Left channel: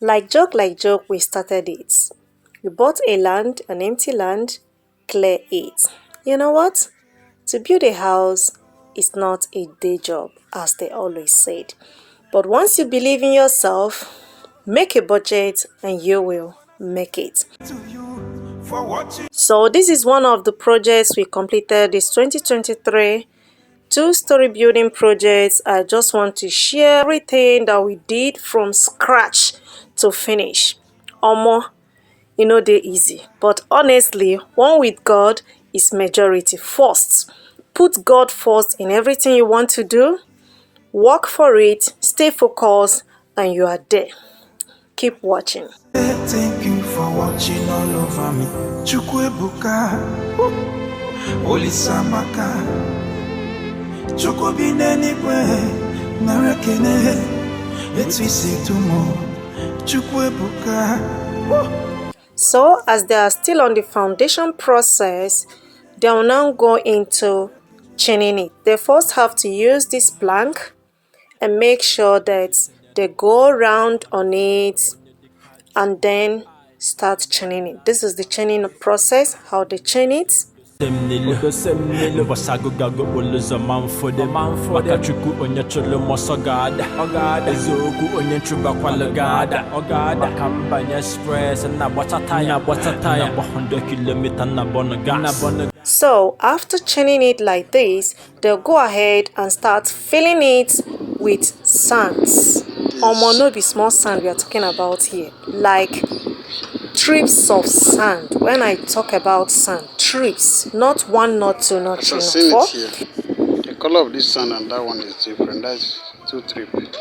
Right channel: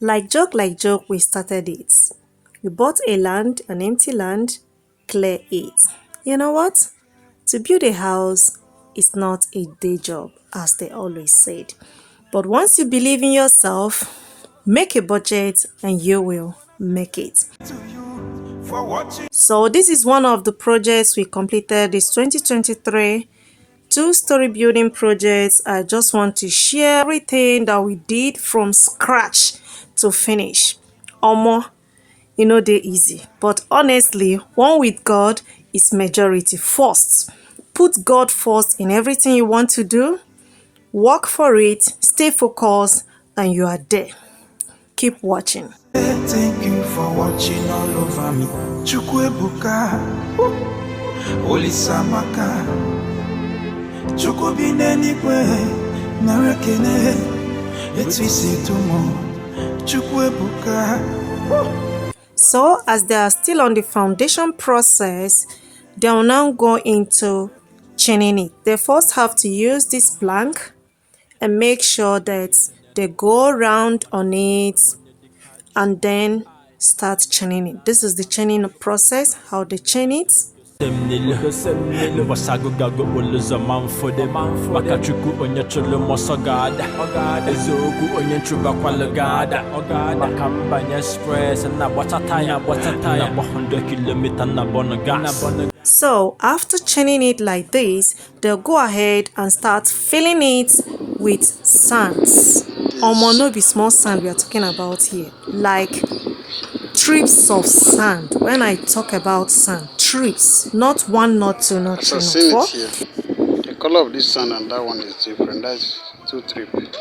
Like joke, we started it. We bought a land, an empty land, clear it. You know what? To build a house is not a day job, as they always said. But once you believe in yourself, make a budget and you will make it. So this is one of the projects we completed this 2023. Two-story building projects. I just want to share everything that we did from scratch to finish. Omo, they're easy. But honestly, one with God is majority first. Put God first in everything you want to do. Work for it, stay focused, and you are there. Keep watching. Thank you for watching all over me. Chukwuebuka, Olisamaka. So, as they are still on the foundation process, they will now go into chinning it. They first have to use this plank and make sure that they go around on it and then start chinning it. This is the chinning process, how they chin it. Basagugago uluza manfode Makachuku onyachulu mosogada Ezogu onyenchuba kwalagada Bakamba nyespress na watataya 100 kilometer na bonagas. So after chinning it like this, they'll go ahead and start filling it with sands. No be small sand we are talking about here, like trips of sand. When I talk about sand, trips, not one, not two, not three, I've seen it here. The color of this sand and that one is different. That's 2 trips.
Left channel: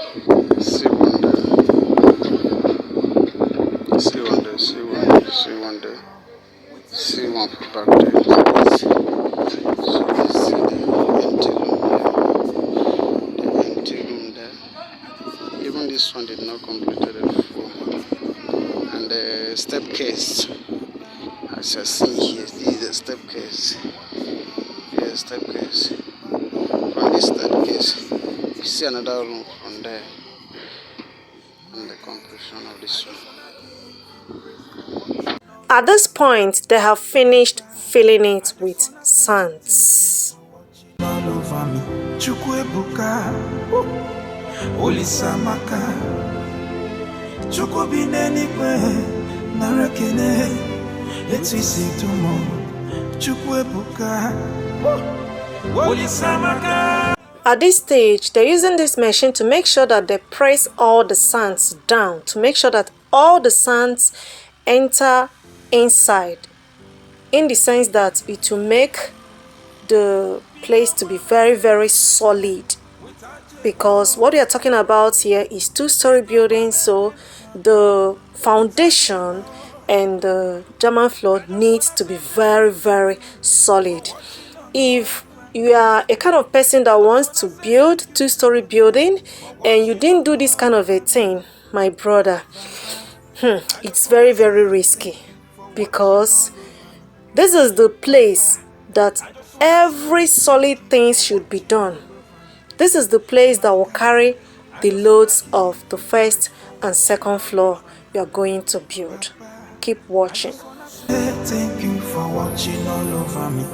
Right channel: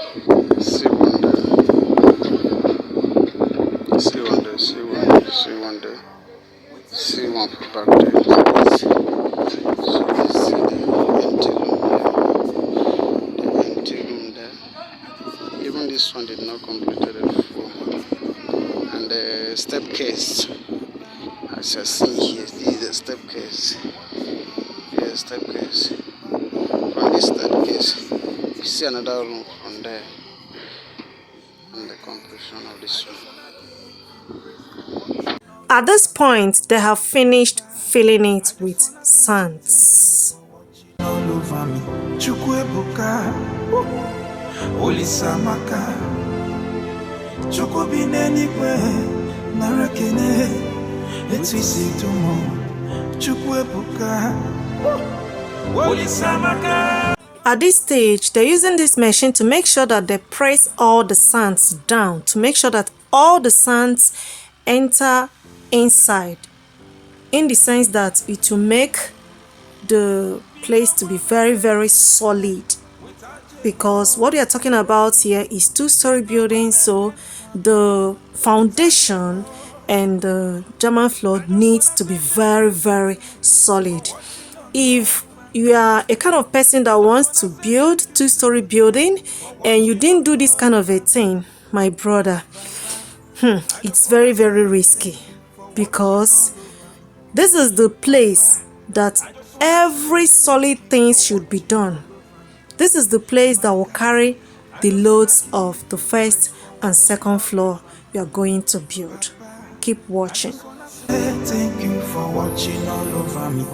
See one there. See one there. See one there. See one there. See one back there. So you see the empty room there. The empty room there. Even this one did not complete the full. And the step case. As you see here, this is the step case. Here's the step case. From this step case, you see another room from there. And the completion of this one. At this point, they have finished filling it with sands. All over me. Chukwuebuka, Olisamaka. Chukubinenigwe, narakene. Let's see tomorrow. Chukwuebuka, Olisamaka. At this stage, they're using this machine to make sure that they press all the sands down, to make sure that all the sands enter inside, in the sense that it will make the place to be very, very solid. Because what we are talking about here is two-story building, so the foundation and the German floor needs to be very, very solid. If you are a kind of person that wants to build two-story building and you didn't do this kind of a thing, my brother, it's very, very risky, because this is the place that every solid thing should be done. This is the place that will carry the loads of the first and second floor you are going to build. Keep watching. Thank you for watching all over me.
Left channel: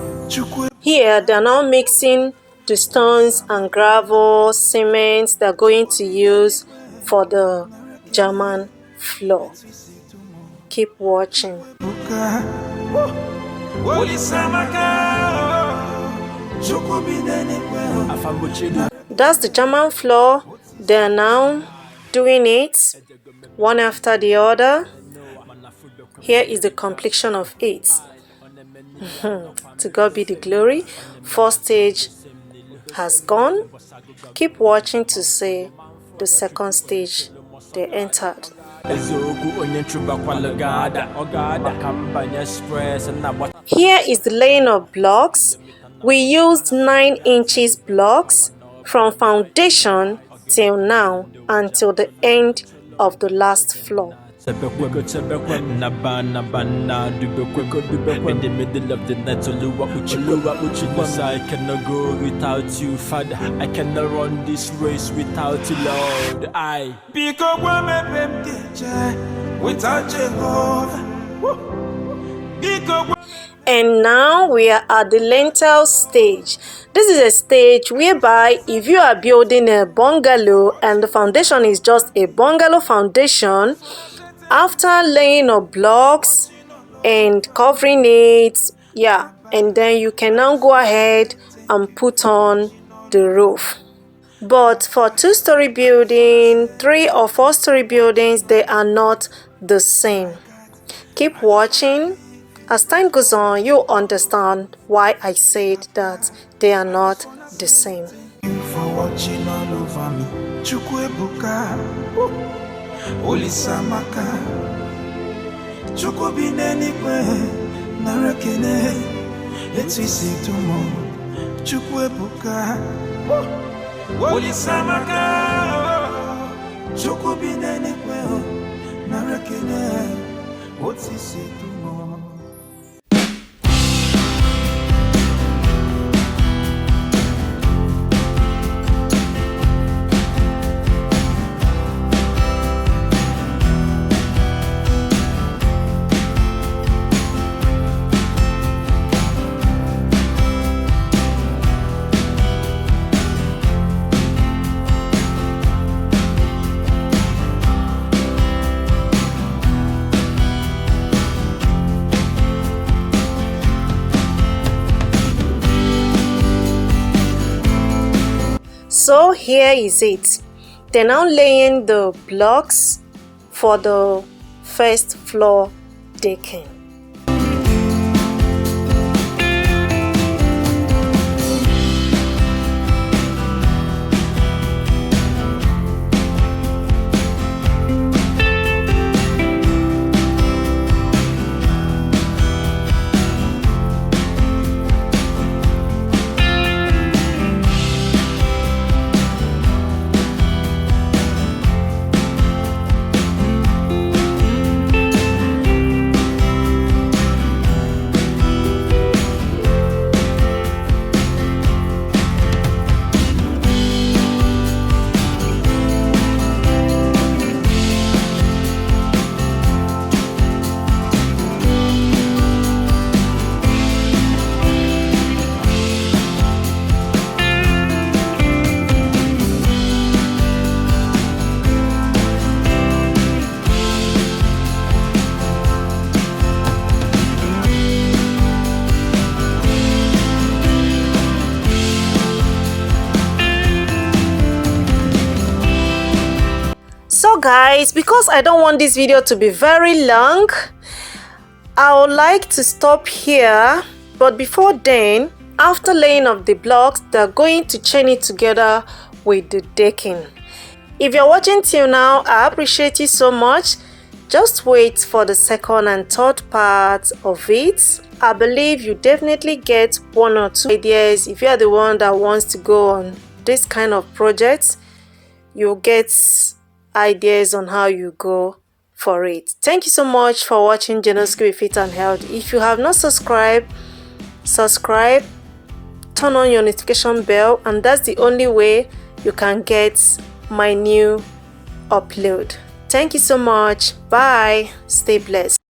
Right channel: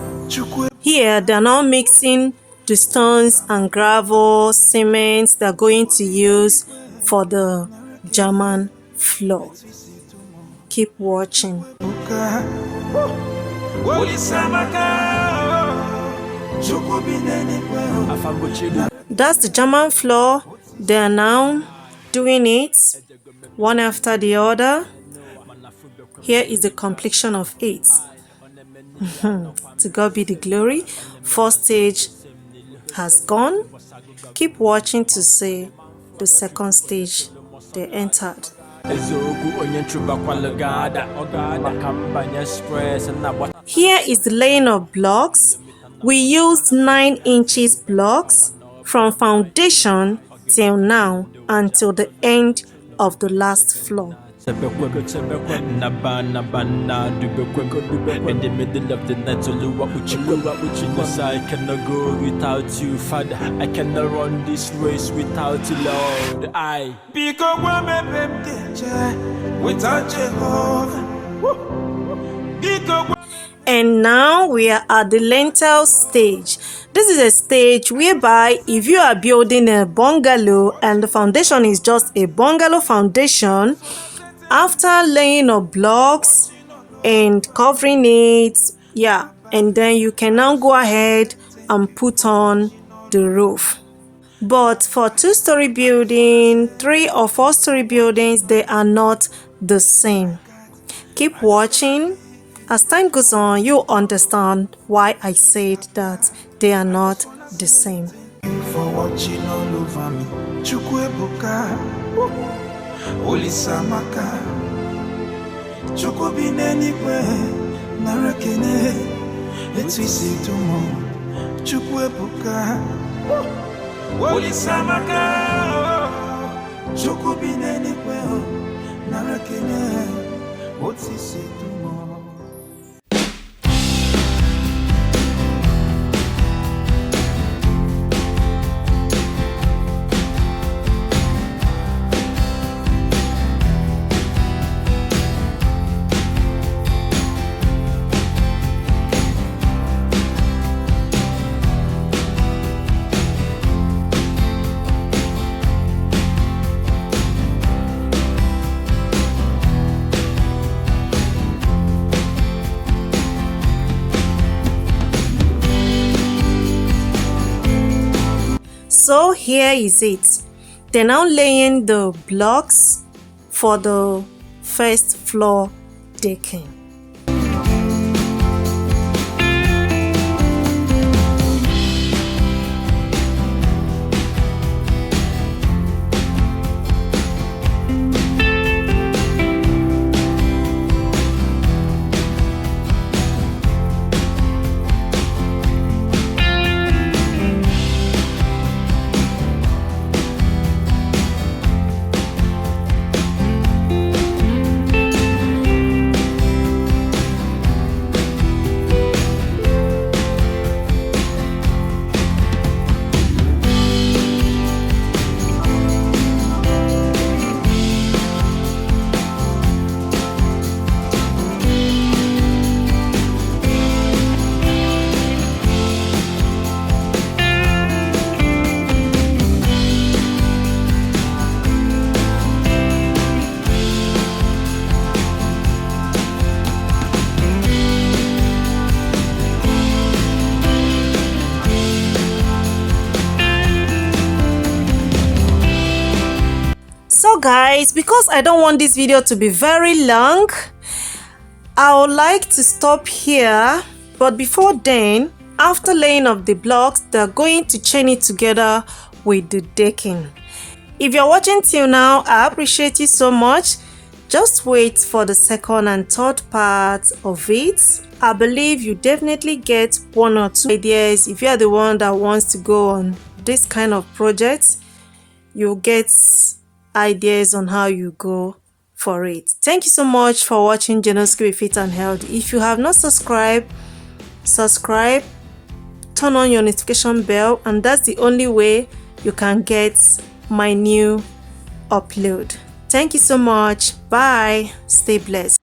Here they are now mixing the stones and gravel, cement they're going to use for the German floor. Keep watching. That's the German floor. They're now doing it one after the other. Here is the completion of it. To God be the glory. First stage has gone. Keep watching to see the second stage they entered. Here is the laying of blocks. We used 9 inches blocks from foundation till now, until the end of the last floor. In the middle of the night, I cannot go without you, Father. I cannot run this race without you, Lord. without Jehovah. And now we are at the lintel stage. This is a stage whereby if you are building a bungalow and the foundation is just a bungalow foundation, after laying of blocks and covering it, and then you can now go ahead and put on the roof. But for 2-story building, 3 or 4-story buildings, they are not the same. Keep watching. As time goes on, you'll understand why I said that they are not the same. Thank you for watching all over me. Chukwuebuka, Olisamaka, Chukubinenigwe, Narekene, Etisi Tumo, Chukwuebuka, Olisamaka, Chukubinenigwe, Narekene, Etisi Tumo. So here is it. They're now laying the blocks for the first floor decking. So guys, because I don't want this video to be very long, I would like to stop here. But before then, after laying of the blocks, they're going to chain it together with the decking. If you're watching till now, I appreciate you so much. Just wait for the second and third part of it. I believe you definitely get 1 or 2 ideas. If you're the one that wants to go on this kind of project, you'll get ideas on how you go for it. Thank you so much for watching Jenoski with Faith and Health. If you have not subscribed, subscribe, turn on your notification bell, and that's the only way you can get my new upload. Thank you so much. Bye. Stay blessed.